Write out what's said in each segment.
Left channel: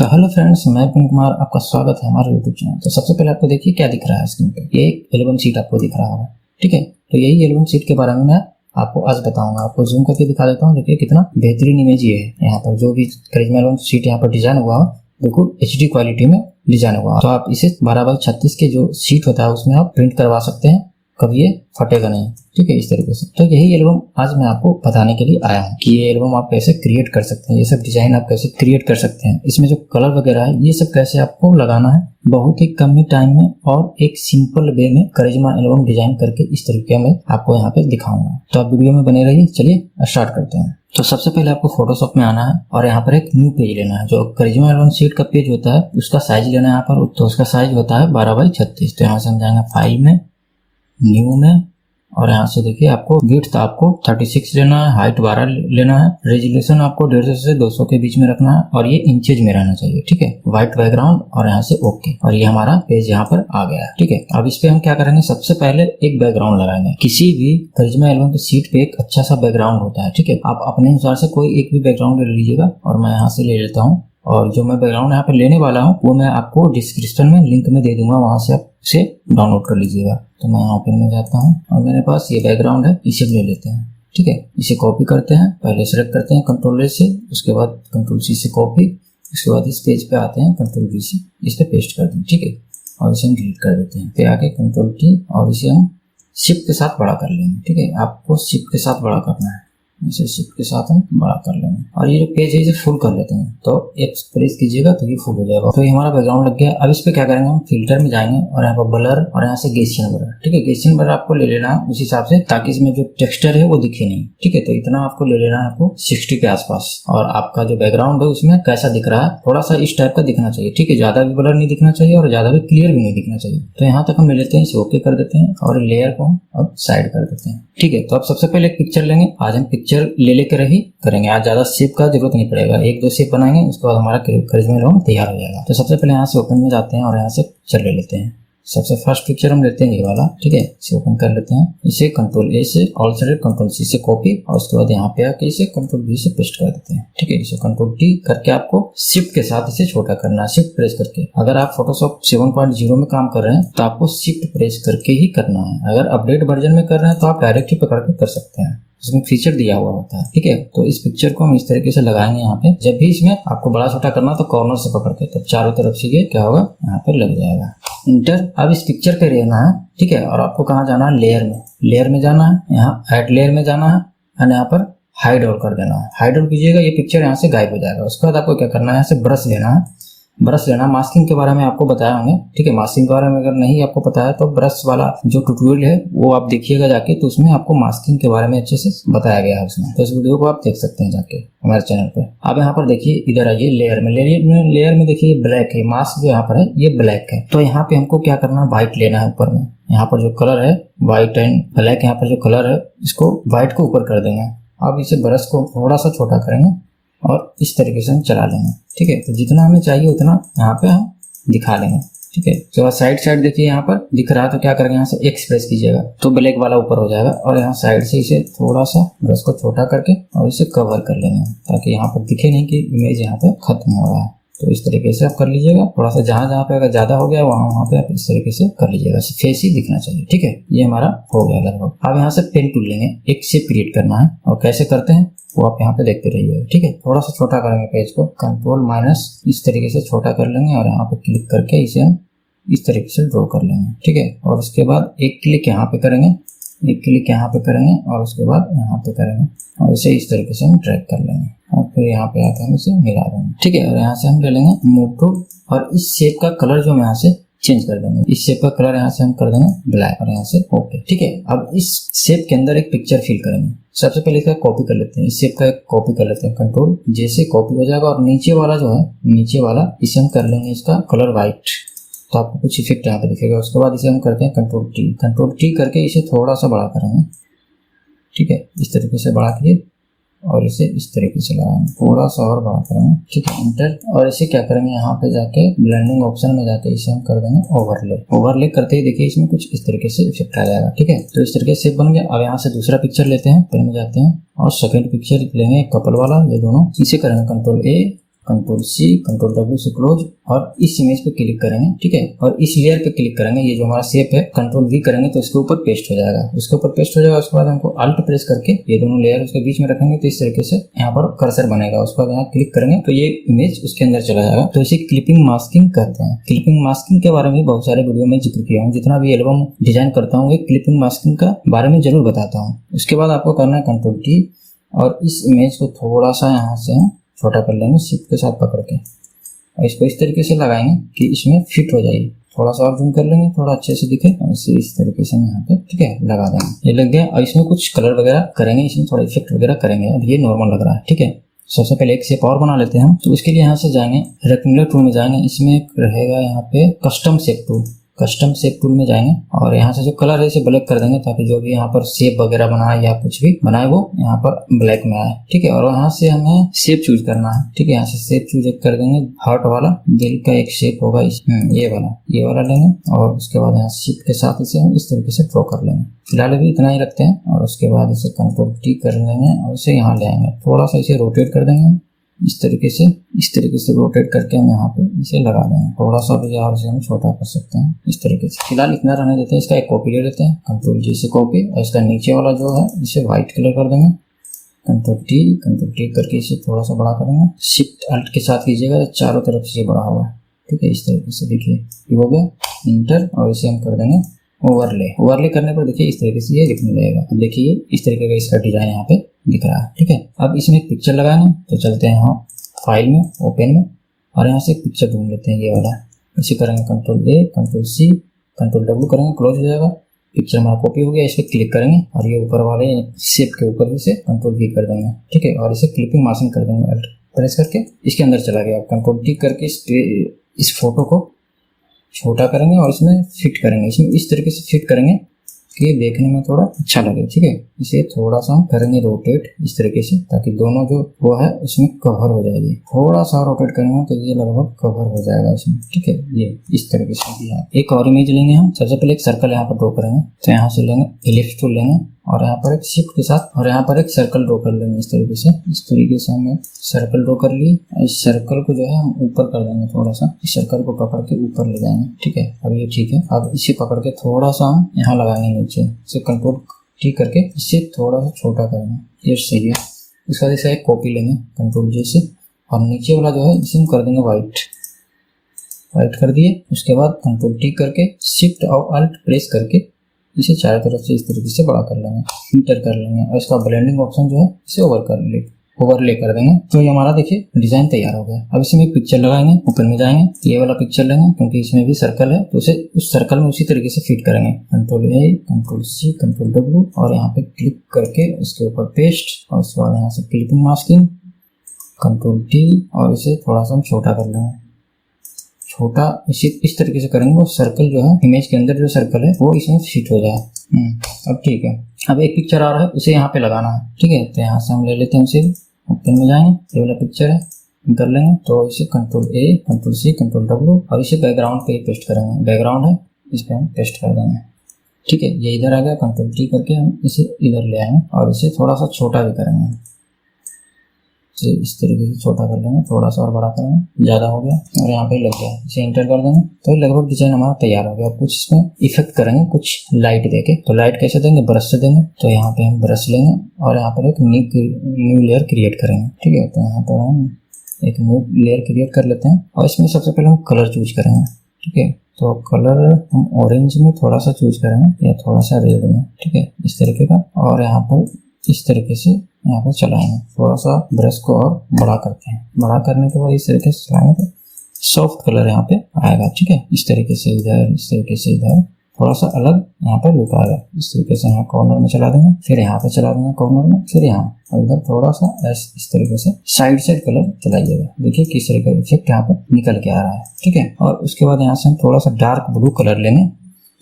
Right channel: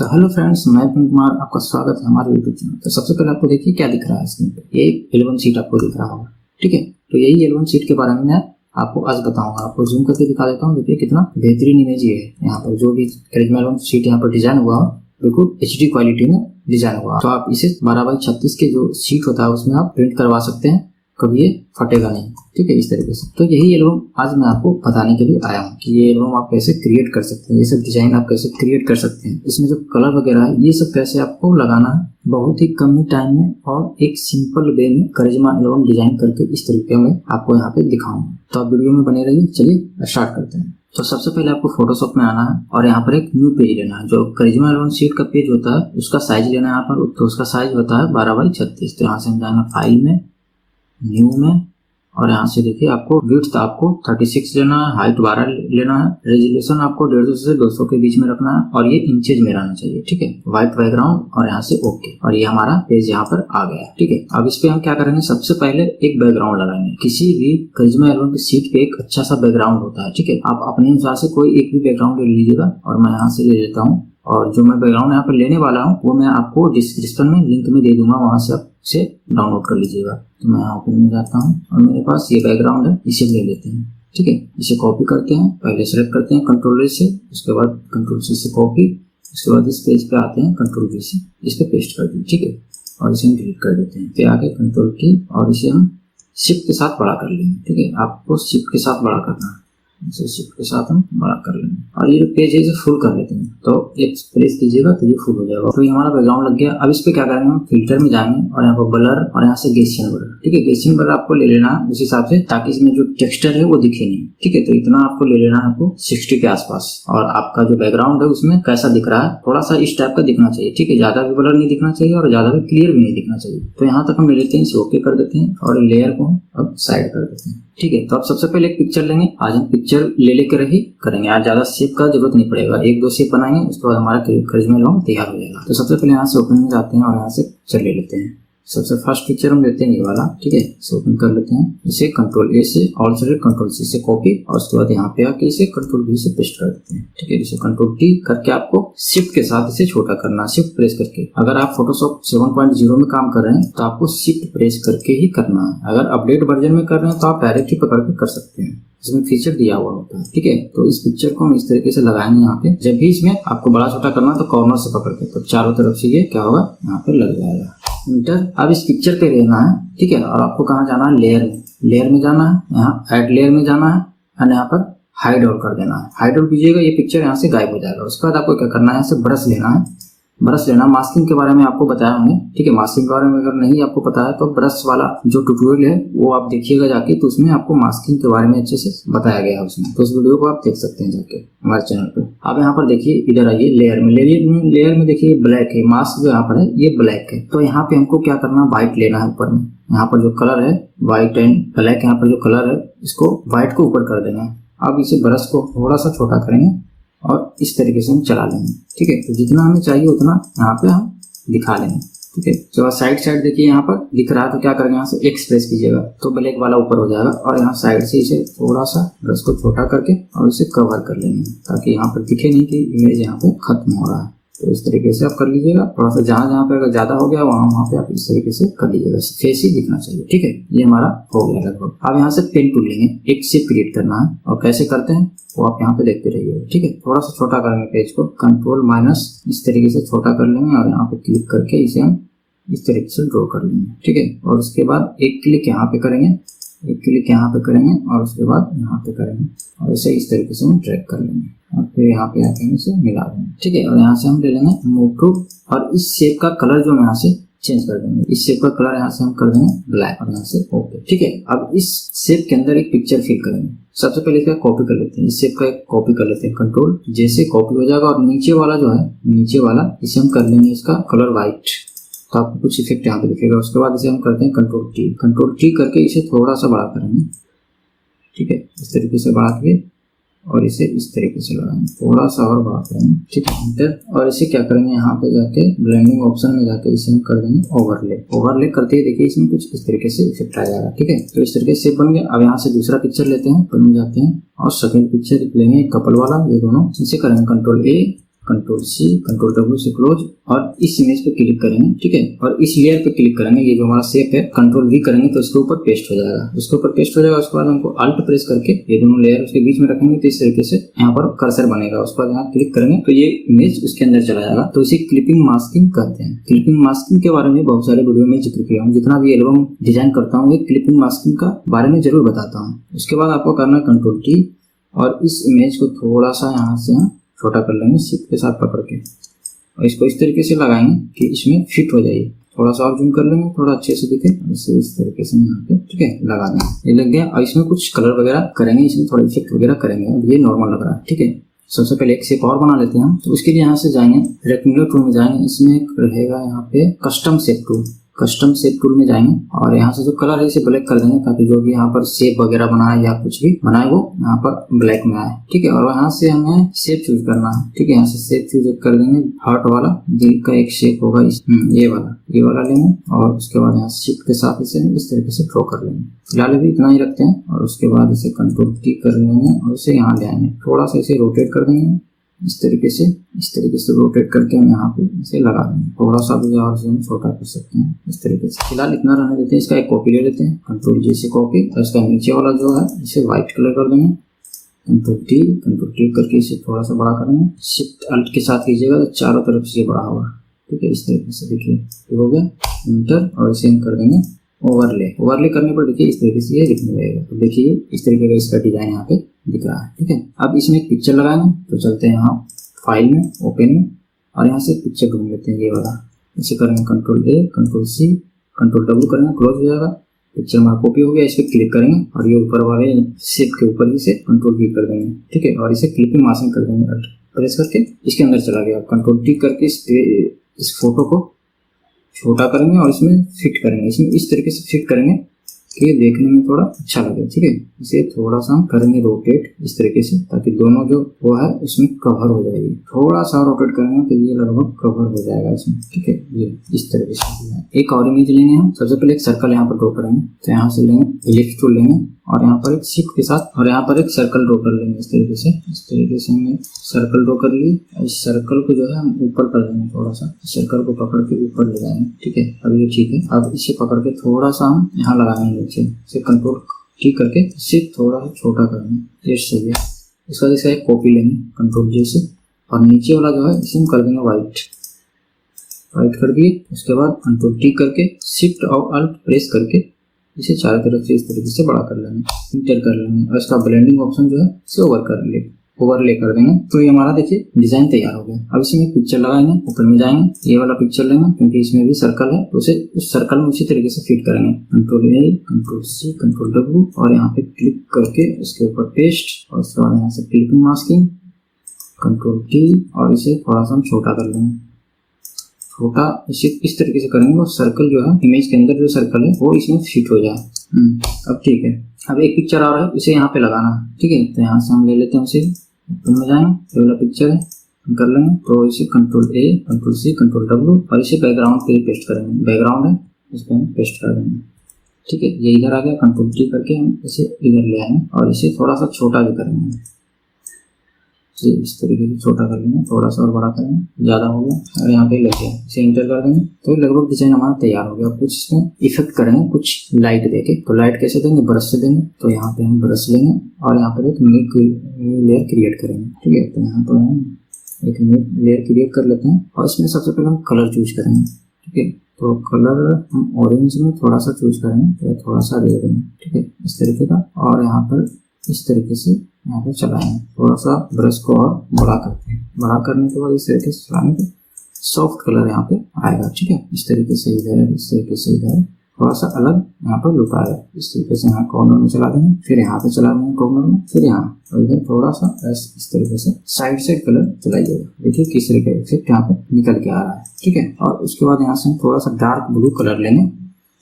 तो hello friends, मैं विपिन कुमार, आपका स्वागत है हमारे यूट्यूब चैनल। तो सबसे पहले आपको देखिए क्या दिख रहा है स्क्रीन पे, ये एक एल्बम शीट आपको दिख रहा होगा। ठीक है, तो यही एल्बम शीट के बारे में मैं आपको आज बताऊंगा। आपको जूम करके दिखा देता हूँ। देखिए कितना बेहतरीन इमेज ये है। यहाँ पर जो भी करिश्मा एल्बम शीट यहाँ पर डिजाइन हुआ है बिल्कुल HD क्वालिटी में डिजाइन हुआ। तो आप इसे 12x36 के जो शीट होता है उसमें आप प्रिंट करवा सकते हैं, कभी ये फटेगा नहीं। ठीक है, इस तरीके से। तो यही एल्बम आज मैं आपको बताने के लिए आया हूँ कि ये एल्बम आप कैसे क्रिएट कर सकते हैं, ये सब डिजाइन आप कैसे क्रिएट कर सकते हैं, इसमें जो कलर वगैरह है ये सब कैसे आपको लगाना है बहुत ही कम ही टाइम में और एक सिंपल वे में करिश्मा एल्बम डिजाइन करके इस तरीके में आपको यहाँ पे दिखाऊंगा। तो आप वीडियो में बने रहिए। चलिए स्टार्ट करते हैं। तो सबसे पहले आपको फोटोशॉप में आना है और यहाँ पर एक न्यू पेज लेना है। जो करिश्मा एल्बम शीट का पेज होता है उसका साइज लेना है यहाँ पर। तो उसका साइज होता है 12x36। तो यहाँ से हम जाएंगे फाइल में, न्यू में, और यहाँ से देखिए आपको विड्थ आपको 36 लेना है, हाइट 12 लेना है, रेजोल्यूशन आपको 150 से 200 के बीच में रखना है और ये इंचेज में रहना चाहिए। ठीक है, व्हाइट बैकग्राउंड और यहाँ से ओके। और ये हमारा पेज यहाँ पर आ गया है। ठीक है, अब इस पे हम क्या करेंगे, सबसे पहले एक बैकग्राउंड लगाएंगे। किसी भी करिश्मा एल्बम की शीट पे एक अच्छा सा बैकग्राउंड होता है। ठीक है, आप अपने अनुसार से कोई एक भी बैकग्राउंड ले लीजिएगा और मैं यहाँ से ले लेता हूँ। और जो मैं बैकग्राउंड यहाँ पर लेने वाला हूँ वो मैं आपको डिस्क्रिप्शन में लिंक में दे दूंगा, वहां से आप इसे डाउनलोड कर लीजिएगा। तो मैं यहाँ पे जाता हूँ और मेरे पास ये बैकग्राउंड है, इसे ले लेते हैं। ठीक है, इसे कॉपी करते हैं। पहले सेलेक्ट करते हैं Ctrl A से, उसके बाद Ctrl C से कॉपी, उसके बाद इस पेज पे आते हैं Ctrl V से, इस पे पेस्ट कर दें। ठीक है, और इसे हम डिलीट कर देते हैं। फिर आगे Ctrl T और इसे हम शिफ्ट के साथ बड़ा कर लेंगे। ठीक है, आपको शिफ्ट के साथ बड़ा करना है, इसे शिफ्ट के साथ हम बड़ा कर लेंगे। और ये जो पेज है इसे फुल कर लेते हैं। तो एक प्रेस कीजिएगा तो ये फुल हो जाएगा। तो ये हमारा बैकग्राउंड लग गया। अब इस पे क्या करेंगे, हम फिल्टर में जाएंगे और यहाँ पर ब्लर और यहाँ से गैसियन ब्लर। ठीक है, गैसियन ब्लर आपको ले लेना है उस हिसाब से, ताकि इसमें जो टेक्सचर है वो दिखे नहीं। ठीक है, तो इतना आपको ले लेना है, आपको 60 के आसपास। और आपका जो बैकग्राउंड है उसमें कैसा दिख रहा है, थोड़ा सा इस टाइप का दिखना चाहिए। ठीक है, ज्यादा भी ब्लर नहीं दिखना चाहिए और ज्यादा भी क्लियर भी नहीं दिखना चाहिए। तो यहाँ तक हम ले लेते हैं, इसे ओके कर देते हैं और लेयर को अब साइड कर देते हैं। ठीक है, तो अब सबसे पहले एक पिक्चर लेंगे। आज हम पिक्चर ले लेकर ही करेंगे, आज ज्यादा शेप का जरूरत नहीं पड़ेगा। 1-2 शेप बनाएंगे, उसके बाद हमारा करिश्मा एल्बम तैयार हो जाएगा। तो सबसे पहले यहाँ से ओपन में जाते हैं और यहाँ से पिक्चर ले लेते हैं। सबसे फर्स्ट पिक्चर हम लेते हैं ये वाला। ठीक है, इसे ओपन कर लेते हैं। इसे Ctrl A से, ऑल सेलेक्ट, Ctrl C से कॉपी और उसके बाद यहाँ पे आके इसे Ctrl V से पेस्ट कर देते हैं। ठीक है, इसे Ctrl T करके आपको शिफ्ट के साथ इसे छोटा करना है, शिफ्ट प्रेस करके। अगर आप फोटोशॉप 7.0 में काम कर रहे हैं तो आपको शिफ्ट प्रेस करके ही करना है। अगर अपडेट वर्जन में कर रहे हैं तो आप डायरेक्ट ही पकड़ के कर सकते हैं, इसमें फीचर दिया हुआ होता है। ठीक है, तो इस पिक्चर को हम इस तरीके से लगाएंगे। यहाँ पे जब भी इसमें आपको बड़ा छोटा करना तो कॉर्नर से पकड़ के, तो चारों तरफ से ये क्या होगा, यहाँ पे लग जाएगा। इंटर। अब इस पिक्चर पे रहना है। ठीक है, और आपको कहाँ जाना है, लेयर में। लेयर में जाना है, यहाँ ऐड लेयर में जाना है और यहाँ पर हाइड आउट कर देना है। हाइड आउट कीजिएगा, ये पिक्चर यहाँ से गायब हो जाएगा। उसके बाद आपको क्या करना है, यहाँ से ब्रश लेना है। ब्रश लेना, मास्किंग के बारे में आपको बताया हमने। ठीक है, मास्किंग के बारे में अगर नहीं आपको पता है तो ब्रश वाला जो ट्यूटोरियल है वो आप देखिएगा जाके, तो उसमें आपको मास्किंग के बारे में अच्छे से बताया गया है उसमें। तो उस वीडियो को आप देख सकते हैं जाके हमारे चैनल पर। अब यहाँ पर देखिए, इधर आइए लेयर में। लेयर में देखिए ब्लैक है, मास्क जो यहाँ पर है ये ब्लैक है। तो यहाँ पे हमको क्या करना है, व्हाइट लेना है ऊपर में। यहाँ पर जो कलर है व्हाइट एंड ब्लैक, यहाँ पर जो कलर है इसको व्हाइट को ऊपर कर देंगे। अब इसे ब्रश को थोड़ा सा छोटा करेंगे और इस तरीके से हम चला लेंगे। ठीक है, तो जितना हमें चाहिए उतना यहाँ पे हम दिखा लेंगे। ठीक है, तो साइड देखिए यहाँ पर दिख रहा है, तो क्या करेंगे, यहाँ से एक्स प्रेस कीजिएगा तो ब्लैक वाला ऊपर हो जाएगा। और यहाँ साइड से इसे थोड़ा सा ब्रश को छोटा करके और इसे कवर कर लेंगे, ताकि यहाँ पर दिखे नहीं कि इमेज यहाँ पे खत्म हो रहा है। तो इस तरीके से आप कर लीजिएगा। थोड़ा सा जहाँ पे अगर ज्यादा हो गया वहाँ पे आप इस तरीके से कर लीजिएगा, फेस ही दिखना चाहिए। ठीक है, ये हमारा हो गया लगभग। अब यहाँ से पेन टूल लेंगे, एक शेप क्रिएट करना है और कैसे करते हैं वो आप यहाँ पे देखते रहिए। ठीक है, थोड़ा सा छोटा करेंगे पेज को, Ctrl- इस तरीके से छोटा कर लेंगे और यहाँ पे क्लिक करके इसे हम इस तरीके से ड्रॉ कर लेंगे। ठीक है, और उसके बाद एक क्लिक यहाँ पे करेंगे, एक क्लिक यहाँ पे करेंगे और उसके बाद यहाँ पे करेंगे और इसे इस तरीके से हम ड्रैग कर लेंगे और फिर यहाँ पे आके हम इसे मिला देंगे। ठीक है, और यहाँ से हम ले लेंगे मूव टू और इस शेप का कलर जो हम यहाँ से चेंज कर देंगे। इस शेप का कलर यहाँ से हम कर देंगे ब्लैक और यहाँ से ओके। ठीक है, अब इस शेप के अंदर एक पिक्चर फिल करेंगे। सबसे पहले इसका कॉपी कर लेते हैं, इस शेप का एक कॉपी कर लेते हैं, Ctrl जैसे कॉपी हो जाएगा। और नीचे वाला जो है, नीचे वाला इसे हम कर लेंगे इसका कलर व्हाइट, तो आपको कुछ इफेक्ट यहाँ पे दिखेगा। उसके बाद इसे हम करते हैं Ctrl T करके इसे थोड़ा सा बड़ा करेंगे। ठीक है, इस तरीके से बड़ा किए और इसे इस तरीके से लगाएंगे, थोड़ा सा और बड़ा करेंगे। ठीक है, इंटर। और इसे क्या करेंगे, यहाँ पे जाके ब्लेंडिंग ऑप्शन में जाके इसे हम कर देंगे ओवरले करते ही देखिए इसमें कुछ इस तरीके से इफेक्ट आ जाएगा। ठीक है, तो इस तरीके से बन गया। अब यहाँ से दूसरा पिक्चर लेते हैं, ऊपर में जाते हैं और सेकंड पिक्चर लेंगे कपल वाला, ये दोनों। इसे करेंगे Ctrl A control C, control W से क्लोज, और इस इमेज पे क्लिक करेंगे, ठीक है, और इस लेयर पे क्लिक करेंगे। ये जो हमारा शेप है कंट्रोल वी करेंगे तो इसके ऊपर पेस्ट हो जाएगा, उसके ऊपर पेस्ट हो जाएगा। उसके बाद हमको अल्ट प्रेस करके ये दोनों लेयर उसके बीच में रखेंगे तो इस तरीके से यहाँ पर कर्सर बनेगा। उसके बाद यहाँ क्लिक करेंगे तो ये इमेज उसके अंदर चला जाएगा। तो इसे क्लिपिंग मास्किंग कहते हैं। क्लिपिंग मास्किंग के बारे में बहुत सारे वीडियो में जिक्र किया हूँ। जितना भी एल्बम डिजाइन करता हूँ क्लिपिंग मास्किंग का बारे में जरूर बताता हूँ। उसके बाद आपको करना है कंट्रोल टी, और इस इमेज को थोड़ा सा यहाँ से हम छोटा कर लेंगे शिफ्ट के साथ पकड़ के, और इसको इस तरीके से लगाएंगे कि इसमें फिट हो जाए। थोड़ा सा और जूम कर लेंगे, थोड़ा अच्छे से दिखे, ऐसे इस तरीके से यहाँ पे, ठीक है, लगा देंगे। ये लग गया। और इसमें कुछ कलर वगैरह करेंगे, इसमें थोड़ा इफेक्ट वगैरह करेंगे। अब ये नॉर्मल लग रहा है, ठीक है। सबसे पहले एक शेप और बना लेते हैं हम। तो उसके लिए यहाँ से जाएंगे, रेक्टेंगुलर टूल में जाएंगे, इसमें एक रहेगा यहाँ पे custom shape tool. Custom shape tool में जाएंगे और यहाँ से जो कलर है इसे ब्लैक कर देंगे, ताकि जो भी यहाँ पर शेप वगैरह बनाए या कुछ भी बनाए वो यहाँ पर ब्लैक में आए, ठीक है। और यहाँ से हमें शेप चूज करना है, ठीक है। यहाँ से शेप चूज कर देंगे, हार्ट वाला दिल का एक शेप होगा, ये वाला लेंगे, और उसके बाद यहाँ शिफ्ट के साथ इसे इस तरीके से ड्रॉ कर लेंगे। फिलहाल अभी इतना ही रखते हैं, और उसके बाद इसे कंट्रोल टी कर लेंगे और इसे यहाँ ले आएंगे, थोड़ा सा इसे रोटेट कर देंगे इस तरीके से रोटेट करके हम यहाँ पे इसे लगा देंगे। थोड़ा सा भी और से हम छोटा कर सकते हैं इस तरीके से। फिलहाल इतना रहने देते हैं। इसका एक कॉपी ले लेते हैं, कंट्रोल जे से कॉपी, और इसका नीचे वाला जो है इसे व्हाइट कलर कर देंगे। कंट्रोल टी करके इसे थोड़ा सा बड़ा करेंगे, शिफ्ट अल्ट के साथ कीजिएगा तो चारों तरफ से बड़ा होगा, ठीक है। इस तरीके से देखिए ये हो गया, इंटर, और इसे हम कर देंगे ओवरले करने पर देखिए इस तरीके से ये दिखने लगेगा। अब देखिए इस तरीके का इसका डिजाइन यहाँ पे दिख रहा है, ठीक है। अब इसमें एक पिक्चर लगाएंगे, तो चलते हैं यहाँ फाइल में, ओपन में, और यहाँ से एक पिक्चर ढूंढ लेते हैं, ये वाला। इसे करेंगे control A, control C, control W करेंगे, क्लोज हो जाएगा। पिक्चर हमारा कॉपी हो गया। इस पर क्लिक करेंगे और ये ऊपर वाले शेप के ऊपर इसे कंट्रोल वी कर देंगे, ठीक है, और इसे क्लिपिंग मास्किंग कर देंगे, अल्ट प्रेस करके इसके अंदर चला गया। कंट्रोल टी करके इस फोटो को छोटा करेंगे और इसमें फिट करेंगे, इसमें इस तरीके से फिट करेंगे कि ये देखने में थोड़ा अच्छा लगे, ठीक है। इसे थोड़ा सा हम करेंगे रोटेट इस तरीके से, ताकि दोनों जो वो है उसमें कवर हो जाएगी। थोड़ा सा रोटेट करेंगे तो ये लगभग कवर हो जाएगा इसमें, ठीक है। ये इस तरीके से दिया। एक और इमेज लेंगे हम। सबसे पहले एक सर्कल यहाँ पर ड्रॉ करेंगे, तो यहाँ से लेंगे इलिप्स टूल लेंगे, और यहाँ पर एक शिफ्ट के साथ और यहाँ पर एक सर्कल ड्रॉ कर लेंगे इस तरीके से हमने सर्कल ड्रॉ कर ली। इस सर्कल को जो है हम ऊपर कर देंगे, थोड़ा सा इस सर्कल को पकड़ के ऊपर ले जाएंगे, ठीक है। अब ये ठीक है। अब इसे पकड़ के थोड़ा सा हम यहाँ लगाएंगे नीचे, इसे कंट्रोल टी करके इसे थोड़ा सा छोटा करेंगे, ये सही है। इसके बाद इसे एक कॉपी लेंगे कंट्रोल जे से, और नीचे वाला जो है इसे हम कर देंगे व्हाइट कर दिए। उसके बाद कंट्रोल टी करके शिफ्ट और अल्ट प्रेस करके इसे चारों तरफ से इस तरीके से बड़ा कर लेंगे, इंटर कर लेंगे, और इसका ब्लेंडिंग ऑप्शन जो है इसे ओवरले कर देंगे। तो ये हमारा देखिए डिजाइन तैयार हो गया। अब इसमें एक पिक्चर लगाएंगे, ओपन में जाएंगे, ये वाला पिक्चर लेंगे क्योंकि इसमें भी सर्कल है, तो उसे उस सर्कल में उसी तरीके से फिट करेंगे। Control A, control C, control W, और यहाँ पे क्लिक करके इसके ऊपर पेस्ट, और उसके बाद यहाँ से क्लिपिंग मास्किंग, कंट्रोल टी, और इसे थोड़ा सा हम छोटा कर लेंगे। छोटा इस तरीके से करेंगे, वो सर्कल जो है इमेज के अंदर जो सर्कल है वो इसमें फिट हो जाए। अब ठीक है। अब एक पिक्चर आ रहा है, उसे यहाँ पे लगाना है, ठीक है। तो यहाँ से हम ले लेते हैं उसे, ओपन में जाएंगे, ये वाला पिक्चर है कर लेंगे, तो इसे control A, control C, control W, और इसे बैकग्राउंड पे पेस्ट करेंगे। बैकग्राउंड है, इस पे हम पेस्ट कर देंगे, ठीक है। ये इधर आ गया। कंट्रोल टी करके हम इसे इधर ले आएंगे और इसे थोड़ा सा छोटा भी करेंगे, इस तरीके से छोटा कर लेंगे, थोड़ा सा और बड़ा करेंगे, ज्यादा हो गया, और यहाँ पे लग गया, इसे इंटर कर देंगे। तो लगभग डिजाइन हमारा तैयार हो गया। कुछ इसमें इफेक्ट करेंगे, कुछ लाइट देके। तो लाइट कैसे देंगे? ब्रश से देंगे। तो यहाँ पे हम ब्रश लेंगे और यहाँ पर एक न्यू लेयर क्रिएट करेंगे, ठीक है। तो यहाँ पर हम एक न्यू लेयर क्रिएट कर लेते हैं, और इसमें सबसे पहले हम कलर चूज करेंगे, ठीक है। तो कलर हम ऑरेंज में थोड़ा सा चूज करेंगे, या थोड़ा सा रेड में, ठीक है, इस तरीके का। और यहाँ पर इस तरीके से यहाँ पे चलाएंगे, थोड़ा सा ब्रश को और बड़ा करते हैं। बड़ा करने के बाद इस तरीके से चलाएंगे तो सॉफ्ट कलर यहाँ पे आएगा, ठीक है। इस तरीके से इधर, इस तरीके से इधर, थोड़ा सा अलग यहाँ पर लुक आएगा। इस तरीके से यहाँ कॉर्नर में चला देंगे, फिर यहाँ पे चला देंगे कॉर्नर में, फिर यहाँ, और इधर थोड़ा सा इस तरीके से साइड कलर चलाइएगा। देखिए किस तरह का इफेक्ट यहाँ पे निकल के आ रहा है, ठीक है। और उसके बाद यहाँ से हम थोड़ा सा डार्क ब्लू कलर लेंगे,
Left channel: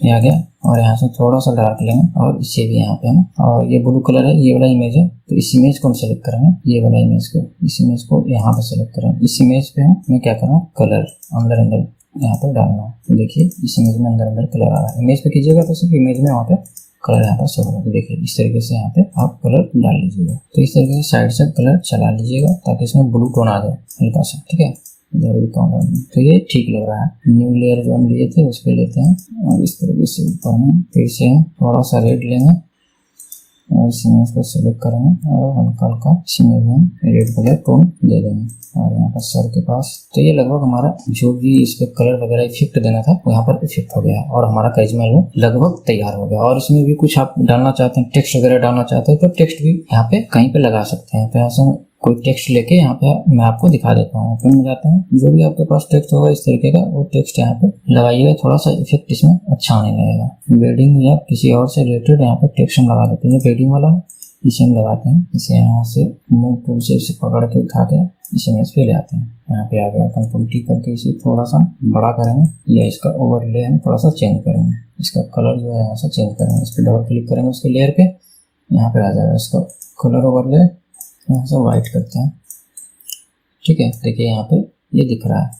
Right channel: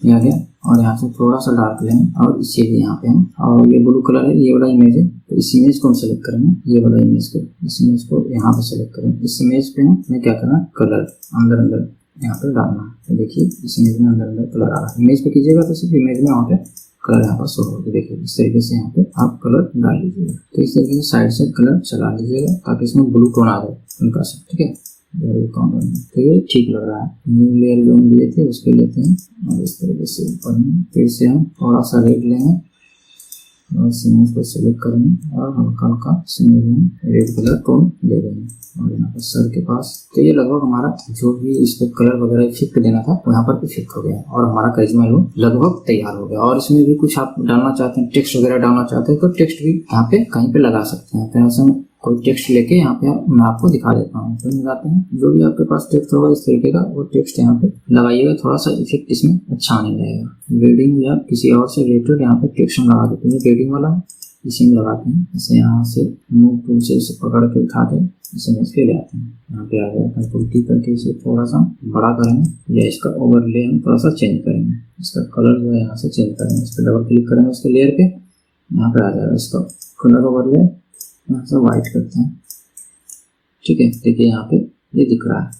ये आ गया, और यहाँ से थोड़ा सा डार्क लेंगे, और इसे भी यहाँ पे हम, और ये ब्लू कलर है, ये वाला इमेज है, तो इस इमेज को हम सेलेक्ट करेंगे, ये वाला इमेज को, इस इमेज को यहाँ पे सेलेक्ट करेंगे। इस इमेज पे हमें क्या करना है? कलर अंदर यहाँ पे डालना है। तो देखिए इस इमेज में अंदर कलर आ रहा है। इमेज पे कीजिएगा तो सिर्फ इमेज में वहाँ पे कलर यहाँ पर शो होगा। देखिए इस तरीके से यहाँ पे आप कलर डाल लीजिएगा। तो इस तरीके से साइड से कलर चला लीजिएगा ताकि इसमें ब्लू टोन आ जाए हल्का सा, ठीक है। तो ये ठीक लग रहा है। न्यू लेयर जो हम लिए थे उस पर लेते हैं और इस तरीके से ऊपर में फिर से हम थोड़ा सा रेड लेंगे और इसमें इसको सेलेक्ट करेंगे और हल्का हल्का इसमें भी हम रेड कलर टोन दे देंगे। और यहाँ पर सर के पास तो ये लगभग हमारा जो भी इस पे कलर वगैरह इफेक्ट देना था वो यहाँ पर इफेक्ट हो गया और हमारा करिश्मा एल्बम लगभग तैयार हो गया। और इसमें भी कुछ आप डालना चाहते हैं, टेक्स्ट वगैरह डालना चाहते हैं तो टेक्स्ट भी यहाँ पे कहीं पे लगा सकते हैं। तो यहाँ से कोई टेक्स्ट लेके यहाँ पे मैं आपको दिखा देता हूँ। ओपन में जाते हैं, जो भी आपके पास टेक्स्ट होगा इस तरीके का वो टेक्स्ट यहाँ पे लगाइएगा, थोड़ा सा इफेक्ट इसमें अच्छा आने लगेगा। वेडिंग या किसी और से रिलेटेड यहाँ पे टेक्स्ट हम लगा देते हैं। वेडिंग वाला इसे हम लगाते हैं, इसे यहाँ से मूव टूल से इसे पकड़ के उठा के इसे इमेज पे ले आते हैं। यहाँ पे आ गया, कंट्रोल टी करके इसे थोड़ा सा बड़ा करेंगे या इसका ओवरले हम थोड़ा सा चेंज करेंगे। इसका कलर जो है यहाँ से चेंज करेंगे, इस पर डबल क्लिक करेंगे उसके लेयर पे, यहाँ पे आ जाएगा इसका कलर ओवरले, यहाँ से व्हाइट करते हैं, ठीक है। देखिए यहाँ पे ये दिख रहा है।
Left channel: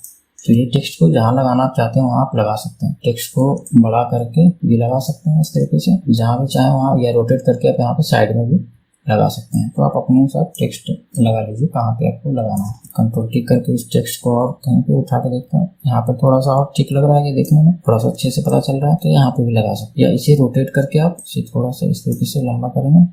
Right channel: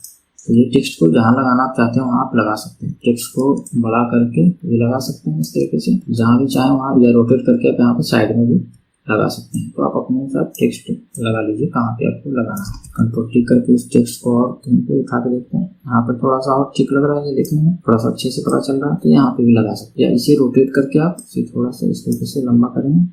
तो ये टेक्स्ट को जहाँ लगाना आप चाहते हो वहाँ आप लगा सकते हैं। टेक्स्ट को बड़ा करके भी लगा सकते हैं इस तरीके से, जहाँ भी चाहे वहाँ, या रोटेट करके आप यहाँ पे साइड में भी लगा सकते हैं। तो आप अपने अनुसार टेक्स्ट लगा लीजिए कहाँ पे आपको लगाना है। कंट्रोल टिक करके इस टेक्स्ट को और कहीं पे उठा के देखते हैं, यहाँ पर थोड़ा सा और ठीक लग रहा है, ये देखने में थोड़ा सा अच्छे से पता चल रहा है, तो यहाँ पे भी लगा सकते हैं। या इसे रोटेट करके आप इसे थोड़ा सा इस तरीके से लंबा करेंगे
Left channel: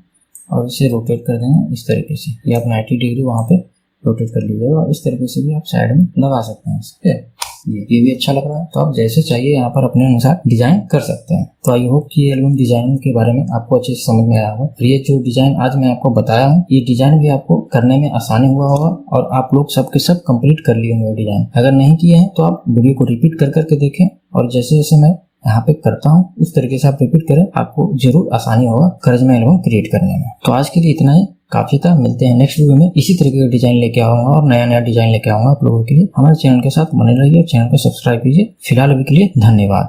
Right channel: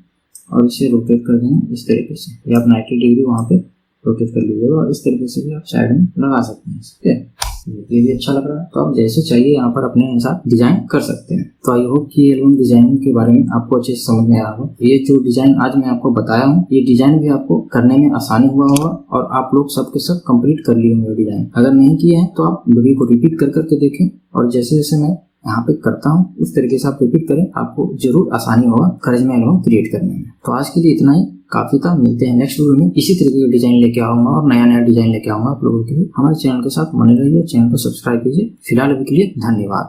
और इसे रोटेट कर देंगे इस तरीके से, या आप 90 डिग्री वहाँ पे रोटेट कर लीजिए और इस तरीके से भी आप साइड में लगा सकते हैं। ठीक है, ये भी अच्छा लग रहा है। तो आप जैसे चाहिए यहाँ पर अपने अनुसार डिजाइन कर सकते हैं। तो आई होप कि एल्बम डिजाइन के बारे में आपको अच्छे से समझ में आया हो। ये जो डिजाइन आज मैं आपको बताया हूँ, ये डिजाइन भी आपको करने में आसानी हुआ होगा और आप लोग सब के सब कंप्लीट कर लिए होंगे डिजाइन। अगर नहीं किए हैं तो आप वीडियो को रिपीट कर करके देखें और जैसे जैसे मैं यहाँ पे करता हूँ उस तरीके से आप रिपीट करें, आपको जरूर आसानी होगा करिश्मा एल्बम क्रिएट करने में। तो आज के लिए इतना ही काफी था। मिलते हैं नेक्स्ट वीडियो में, इसी तरीके का डिजाइन लेके आऊंगा और नया नया डिजाइन लेके आऊंगा आप लोगों के लिए। हमारे चैनल के साथ बने रहिए, चैनल को सब्सक्राइब कीजिए। फिलहाल अभी के लिए धन्यवाद।